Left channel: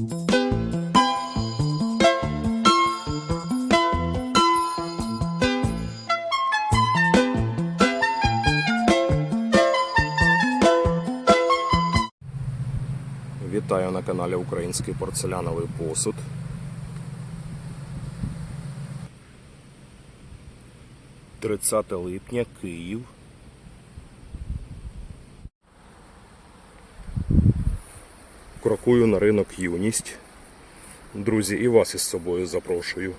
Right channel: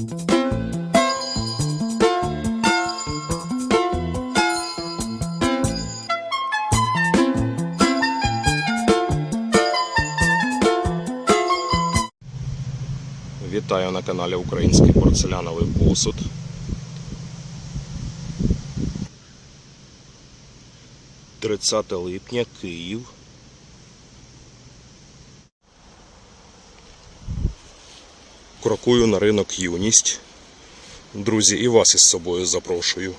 Вітаю на каналі Український порцеляновий посуд. Тридцяте липня, Київ. Крокую на ринок юність. Друзі, і вас із собою запрошую.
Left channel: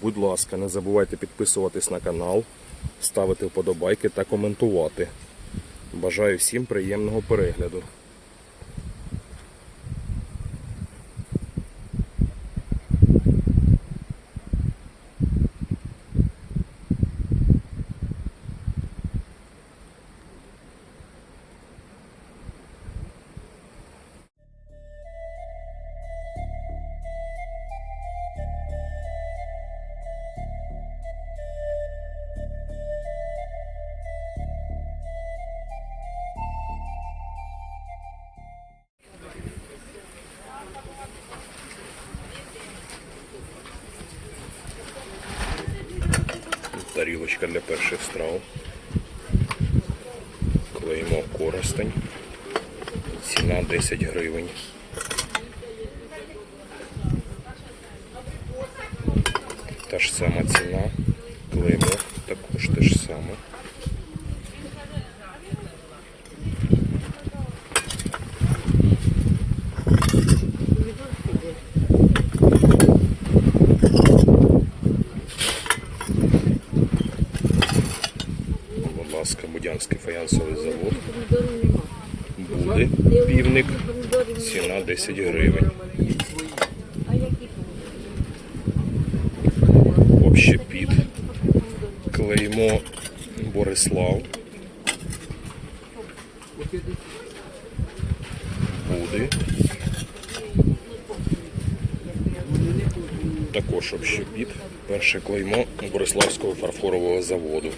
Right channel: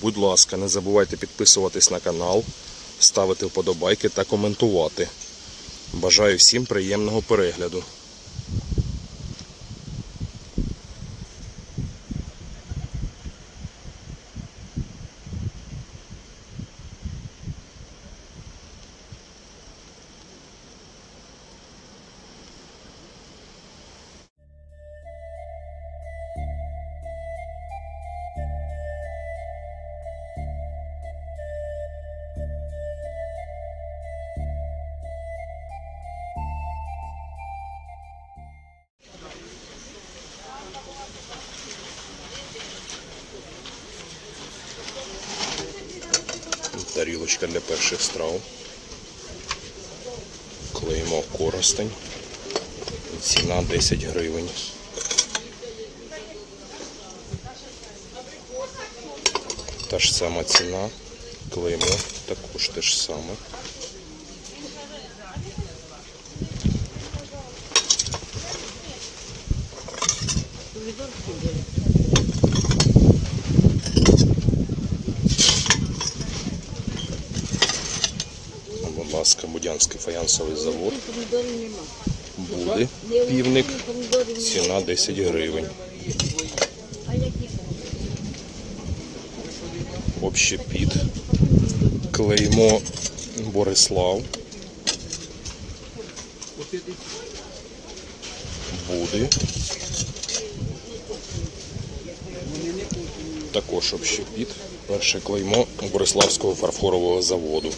Будь ласка, не забувайте підписуватись на канал, ставити вподобайки та коментувати. Бажаю всім приємного перегляду. Тарілочка для перших страв. Клеймо коростень. Ціна 10 гривень. Та ж сама ціна. Клеймо також те ж саме. Будь ласка, фаянсовий завод. Буде півник. Ціна 10 гривень. Общепіт. Клеймо Борислав. Буди. Також общепіт. Перше клеймо Бориславського фарфорового заводу.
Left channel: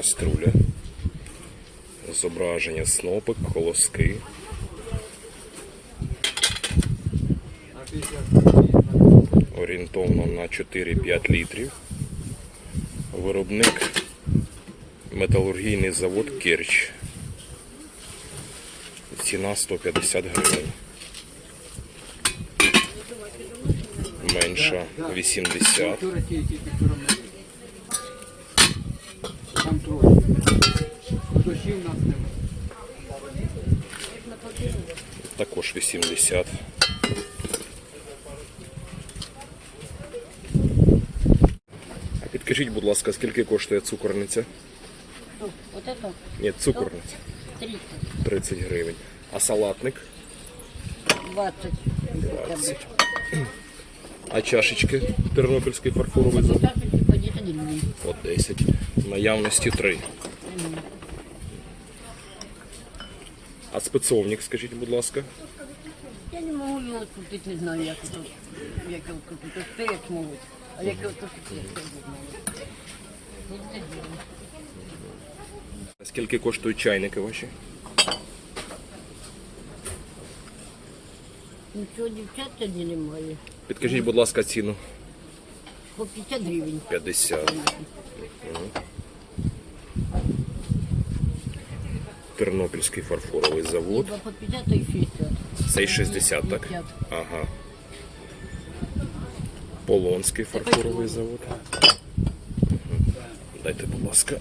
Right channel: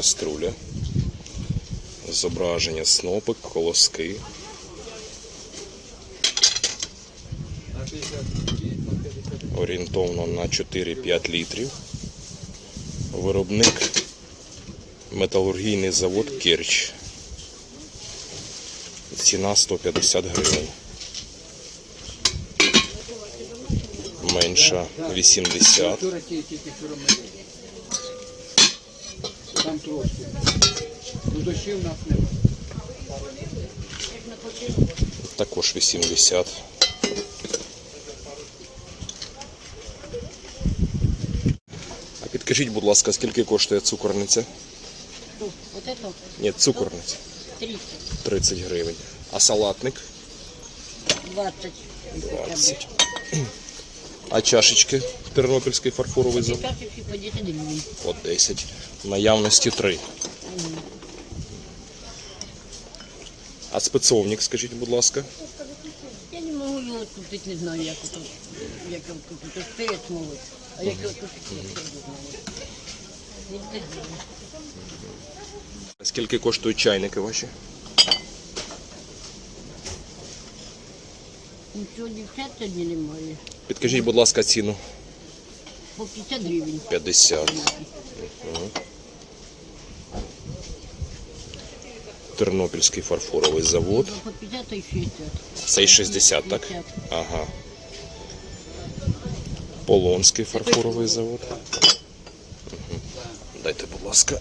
Каструля. Зображення снопик, колоски. Орієнтовно на 4-5 літрів. Виробник металургійний завод Керч. Ціна 150 гривень. Менша 80. Ну, Дощів в нас нема. Також 80. А підкажіть, будь ласка, скільки коштує цукорниця? Что? Вот это Ні, цукорниця. 30, 30 гривень. А салатник? 20. 20. А чашечки Тернопільський фарфоровий завод? Так, 10 гривен. По 10. В Наявності 3. А спецовник, скажіть, будь ласка. Я не могу его купить, не знаю, як это, як. То перец могут, а як его купить, я не знаю. Знаю. Скільки коштують чайники ваші? Нічого дівчат тоді немає. Підкажіть, будь ласка, ціну. По 50 гривень. 50. Тернопільський фарфоровий завод. По 50, а й 60. Цей 60, так? 50. Ага. Полонський фарфоровий завод. Дайте, будь ласка.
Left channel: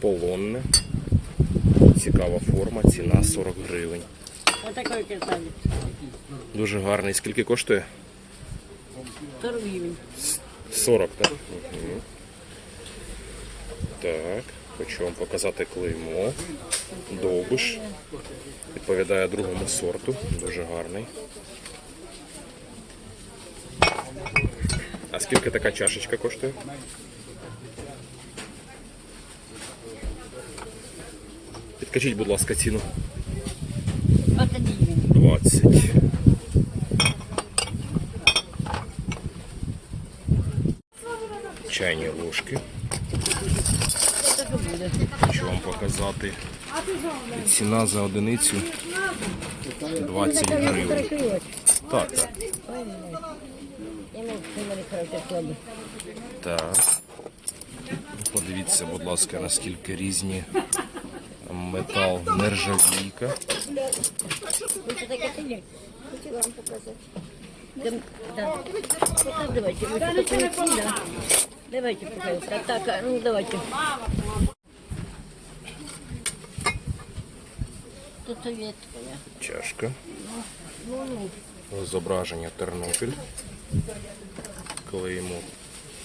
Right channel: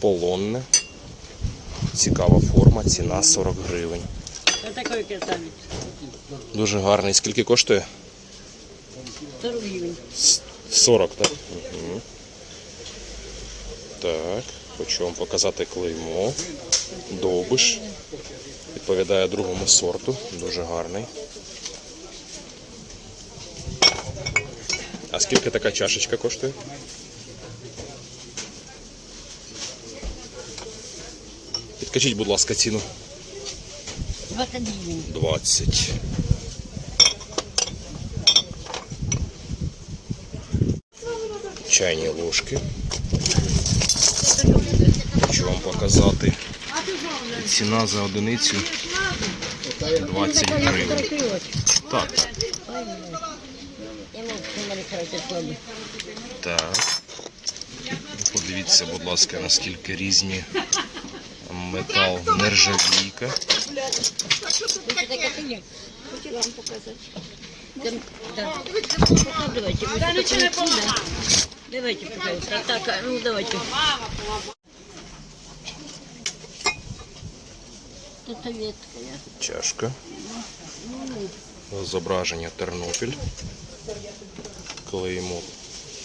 Полонне. Цікава форма, ціна 40 гривень. Дуже гарний. Скільки коштує? 40 гривень. 40, так? Угу. Так, хочу вам показати клеймо. Довбиш. Відповідає другому сорту. Дуже гарний. А скільки така чашечка коштує? Підкажіть, будь ласка, ціну. гривень. 20. Чайні ложки. Хочу вам показати. Ціна за одиницю 20 гривень. Так, так. Так. Подивіться, будь ласка, наскільки різні метал нержавійка. Давайте? Давайте, пожалуйста. Так, ну давайте. Чашка. Зображення Тернопіль. Клеїмо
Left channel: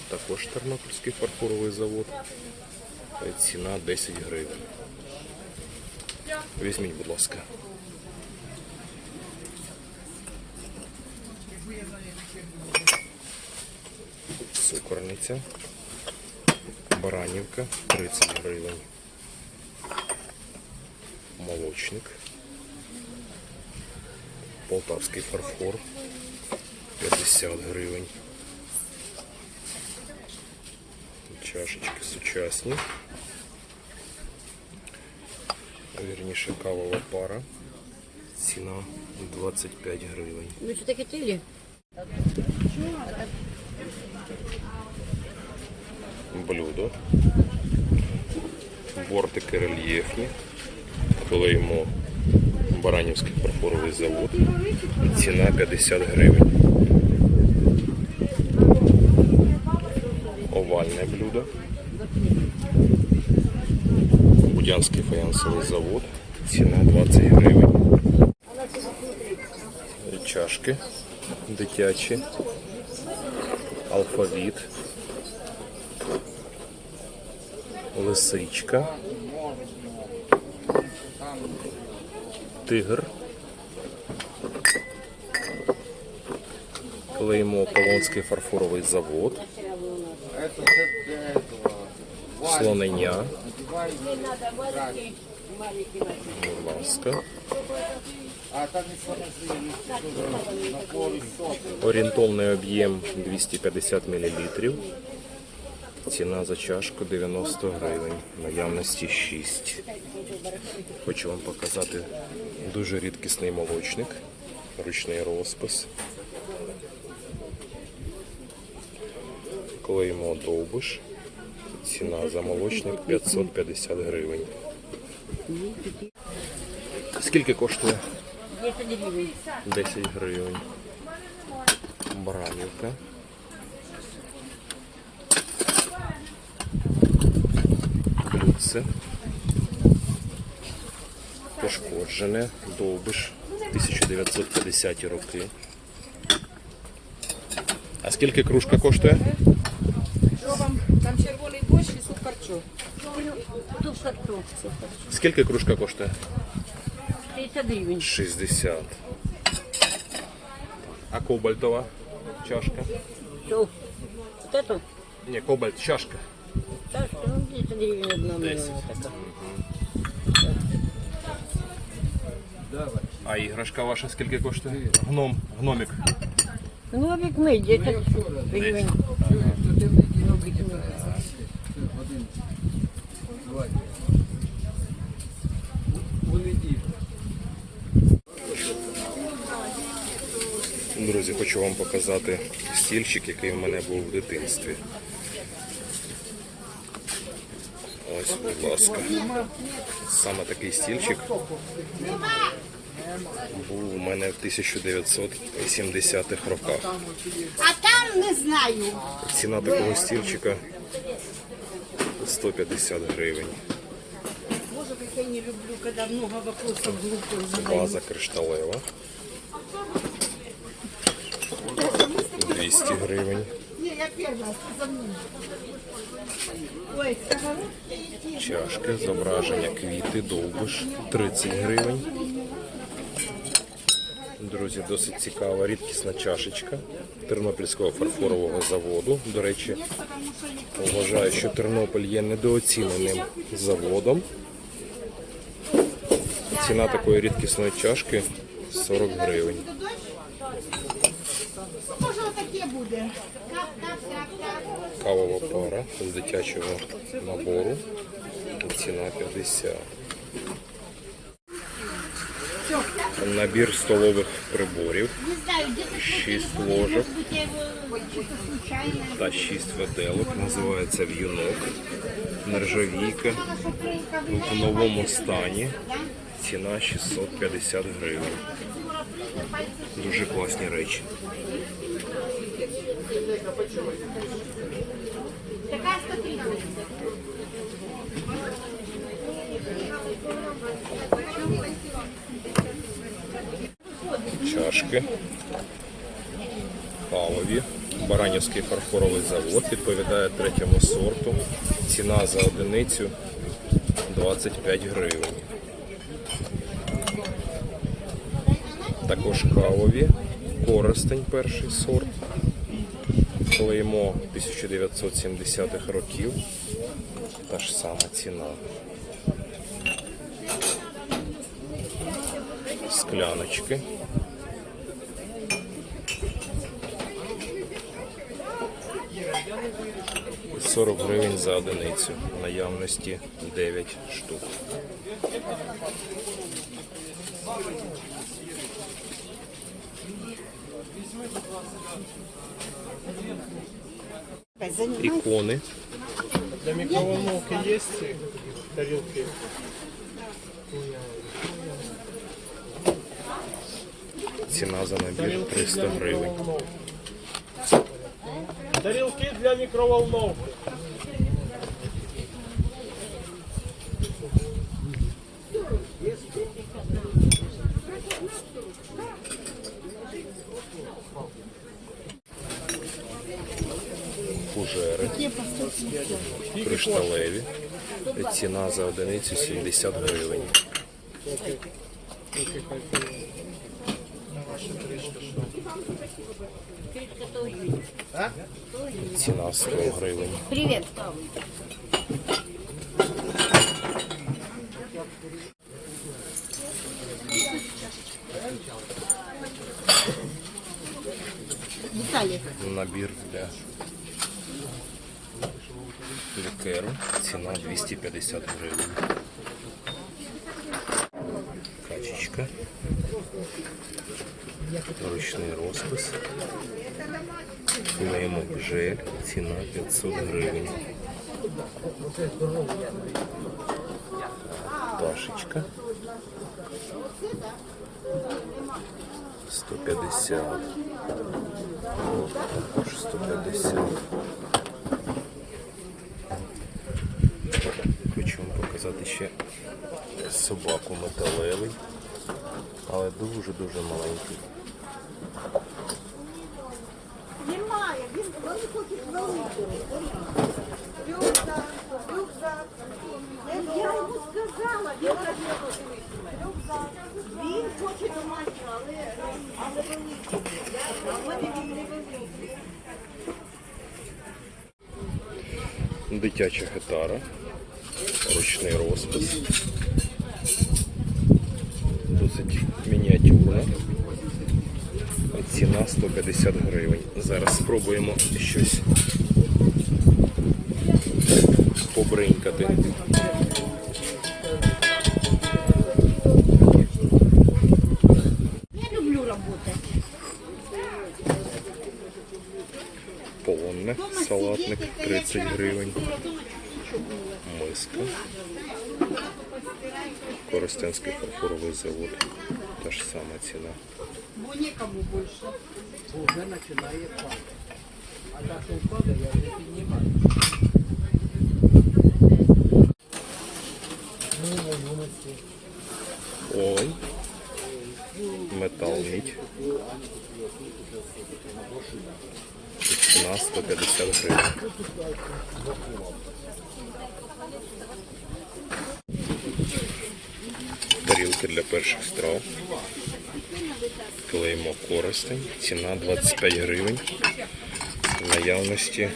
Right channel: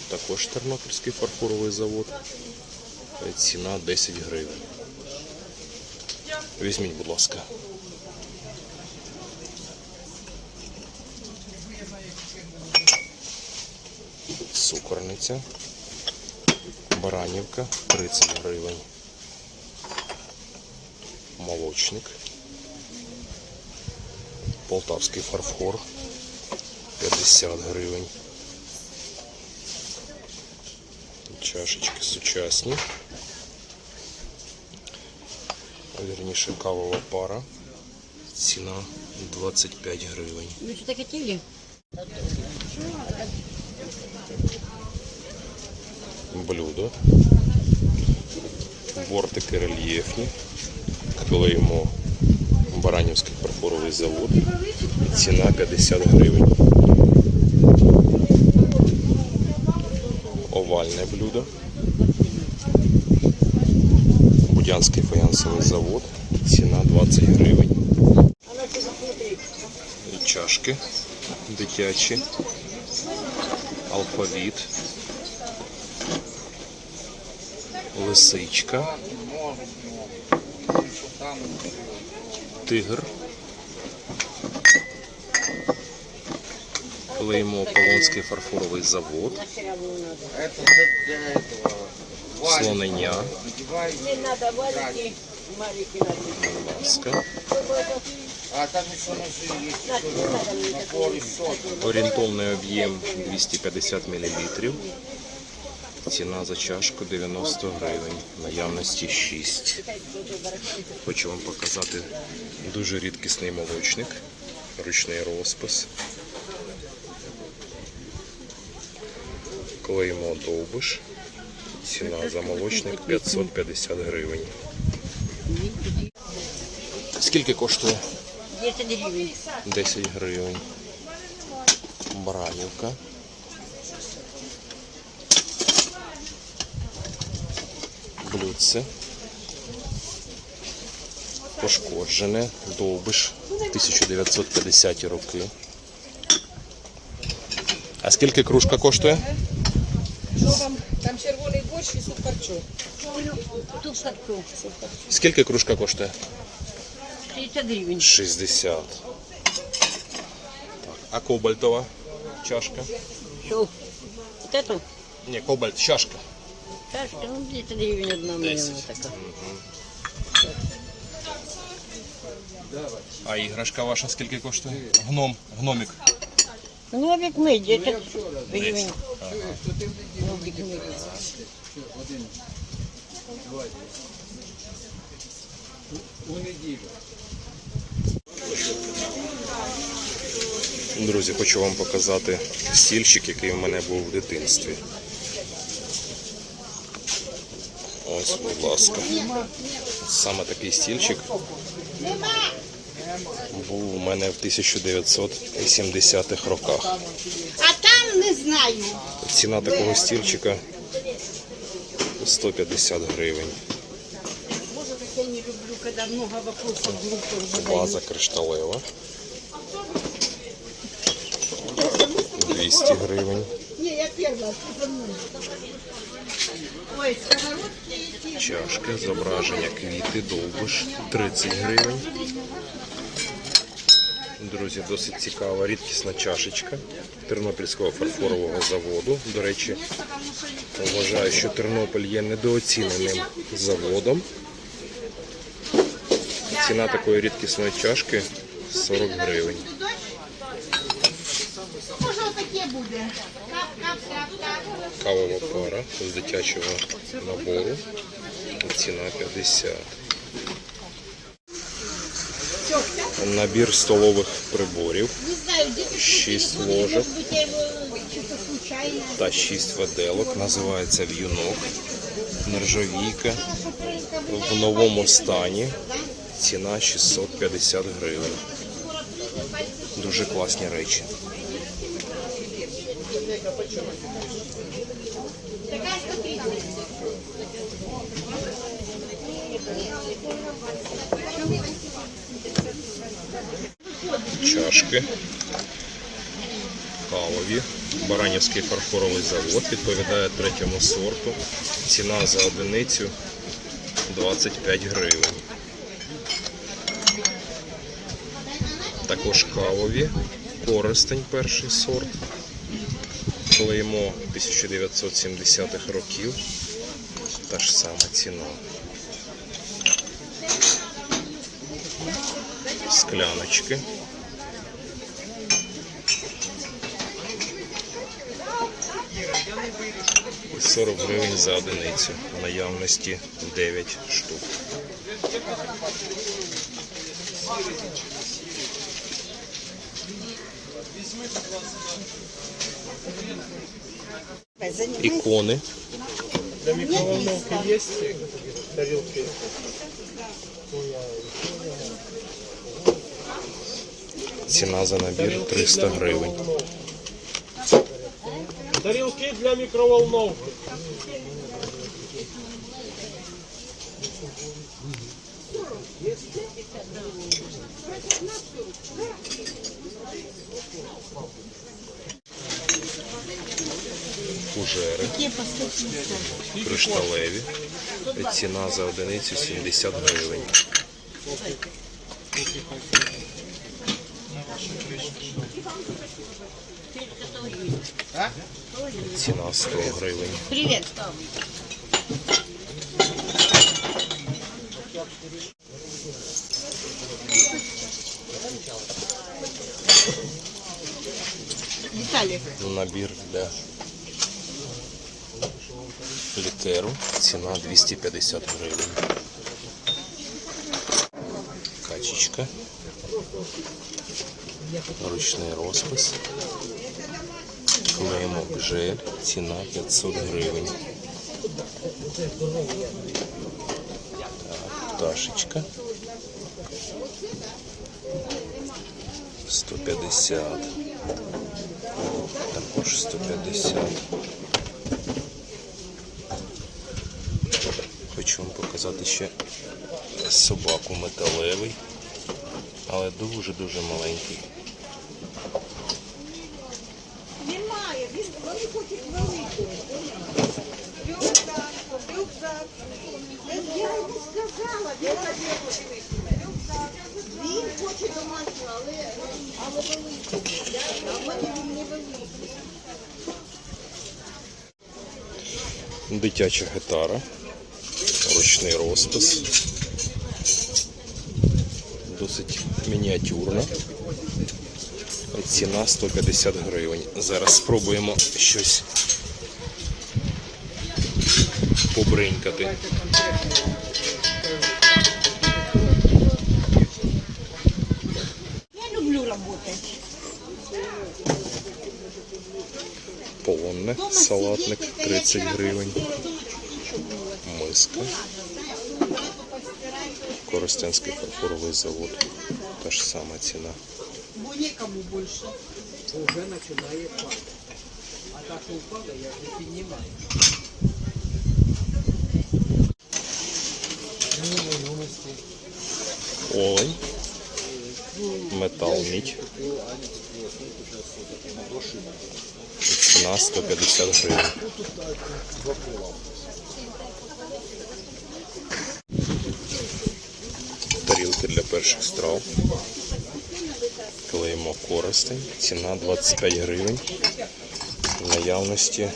також Тернопільський фарфоровий завод. Ціна 10 гривень. Візьміть, будь ласка. Цукорниця. Баранівка 30 гривень. Молочник. Полтавський фарфор 50 гривень. Чашечки сучасні. Вірніше кавова пара. Ціна 25 гривень. Вы что-то хотели? Блюдо. Бортики рельєфні. Клеїмо Баранівський фарфоровий завод. Ціна 50 гривень. Овальне блюдо. Будянський фаянсовий завод. Ціна 20 гривень. Чашки дитячі. Алфавіт. Лисичка. Тигр. Клеймо Полонський фарфоровий завод. Слонення. Будь ласка. Орієнтовний об'єм 250 мл. Ціна за чашку 90 гривень. Наявності 6. Хочу вам показати дуже рідкісний молочник. Ручний розпис. Клеймо довбиш. Ціна за молочник 550 гривень. Скільки коштує? 10 гривен. 10 гривень. Баранівка. Блюдце. Пошкоджене. Довбиш. 1950 роки. А скільки кружка коштує? Там червоний борщ і суп харчо. Тут харчо. Скільки кружка коштує? 30 гривен. 60. Так. А кобальтова чашка? Что? Вот эту? Ні, кобальт чашка. Чашка, ну 10 гривен одна. А іграшка ваша скільки коштує? Гном, гномик. Гномик мы 10 гривен. Гномик мы. У неділю. Друзі, хочу вам показати стільчик, який в мене був в дитинстві. Ось, будь ласка. Саме такий стільчик був у мене в 1970-х роках. А там не знаю. Ціна такого стільчика 150 гривень. Глупых кришталева. 200 гривень. Я. Чашки, зображення квіти, довбиш 30 гривень. Друзі, досить цікава рідкісна чашечка Тернопільського фарфорового заводу. До речі, вважаю, що Тернопіль є недооціненим заводом. Ціна такої рідкісної чашки 40 гривень. Кавова пара з дитячого набору. Ціна 50. Набір столових приборів. Не 6 ложок та 6 виделок. Називається в'юнок. Нержавійка в новому стані. Ціна 650 гривень. Дуже класні речі. Чашки. Кавові. Баранівський фарфоровий завод відповідає третьому сорту. Ціна за одиницю 25 гривень. Також кавові. Користень перший сорт. Клеймо 1970-х років. Та ж сама ціна. Скляночки. 40 гривень за одиницю. В наявності 9 штук. Ікони. Для микроволновки есть тарелки? Ціна за набір 300 гривень. Тарелки для микроволновки. Фужери. Кришталеві. Ціна за одиницю 70 гривень. Ціна 100 гривень. Привіт. Набір для лікеру. Ціна 250 гривень. Качечка. Ручний розпис. Клеймок жель. Ціна 500 гривень. Пташечка. 150. Також 150. Хочу вам показати ще собаку металевий, але дуже-дуже маленький. Немає, він вони хочуть велику. Рюкзак, рюкзак. Я йому сказала, він. Він хоче домашнього, але, велику. А він не великий. Дитяча гітара, ручний розпис. Досить мініатюрна. Ціна 150 гривень. Зараз спробуємо щось побринькати. Я люблю работать. Полонне, салатник 30 гривень. Миска. Коростенський фарфоровий завод. Та ж сама ціна. Бо нікому більше. Уже починає падати. А та, що впаде, я не піднімаю. Олень. Метал мідь. Ціна 150 гривень. перших страв. Клеймо користень. Ціна 25 гривень. Наявності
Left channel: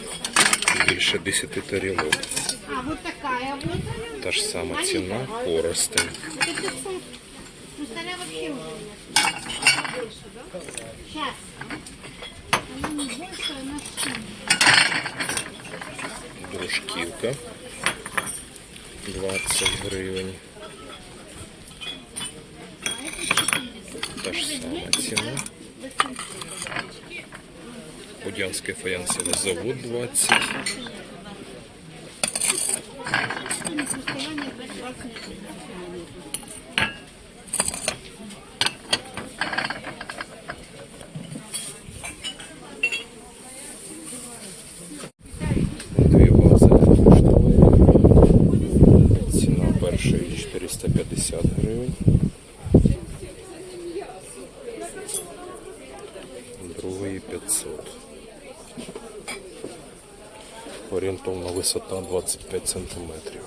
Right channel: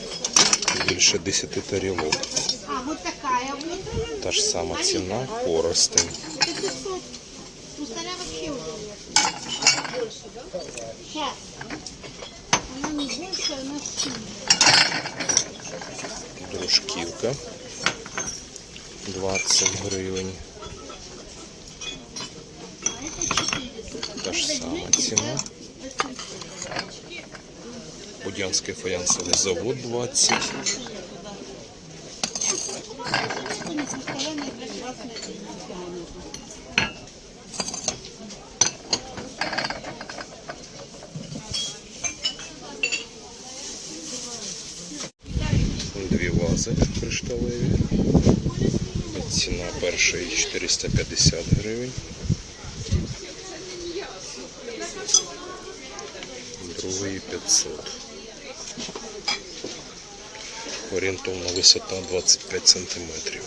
більше 10 тарілок. Та ж сама ціна користень. Дружківка 20 гривень. Будянський фаянсовий завод 20. Дві вази кришталеві. Ціна першої 450 гривень. Другої 500. Орієнтовна висота 25 сантиметрів.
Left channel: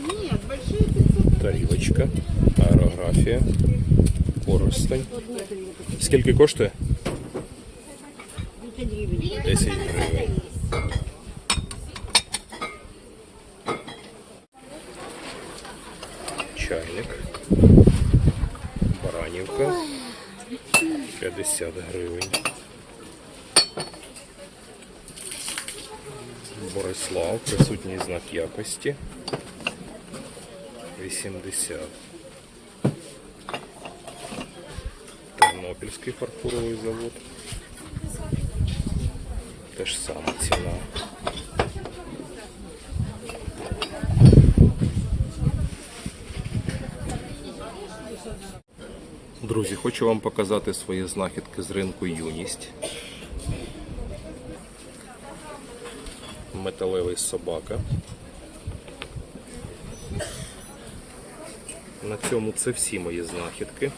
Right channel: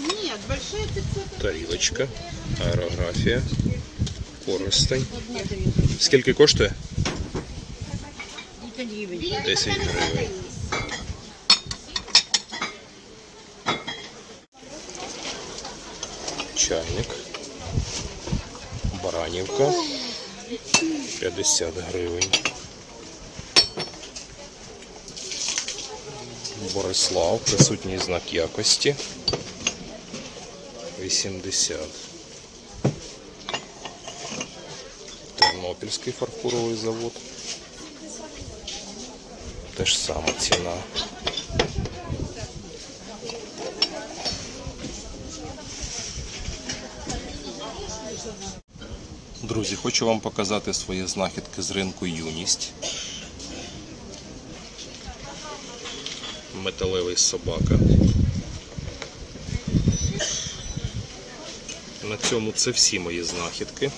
Нет, большие 500. Тарілочка, аерографія, користень. Скільки коштує? 10 гривень. Баранівка. 50 гривень. Борислав, присутній знак якості. 80. Тернопільський фарфоровий завод. Те ж сама ціна. Друзі, хочу вам показати свої знахідки з ринку Юність. Металевий собака. На цьому це всі мої знахідки.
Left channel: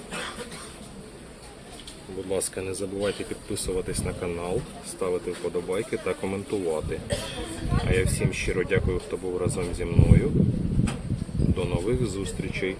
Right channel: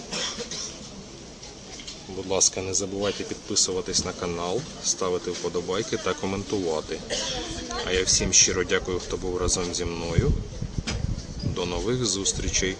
Будь ласка, не забувайте підписуватись на канал, ставити вподобайки та коментувати. А я всім щиро дякую, хто був разом зі мною. До нових зустрічей!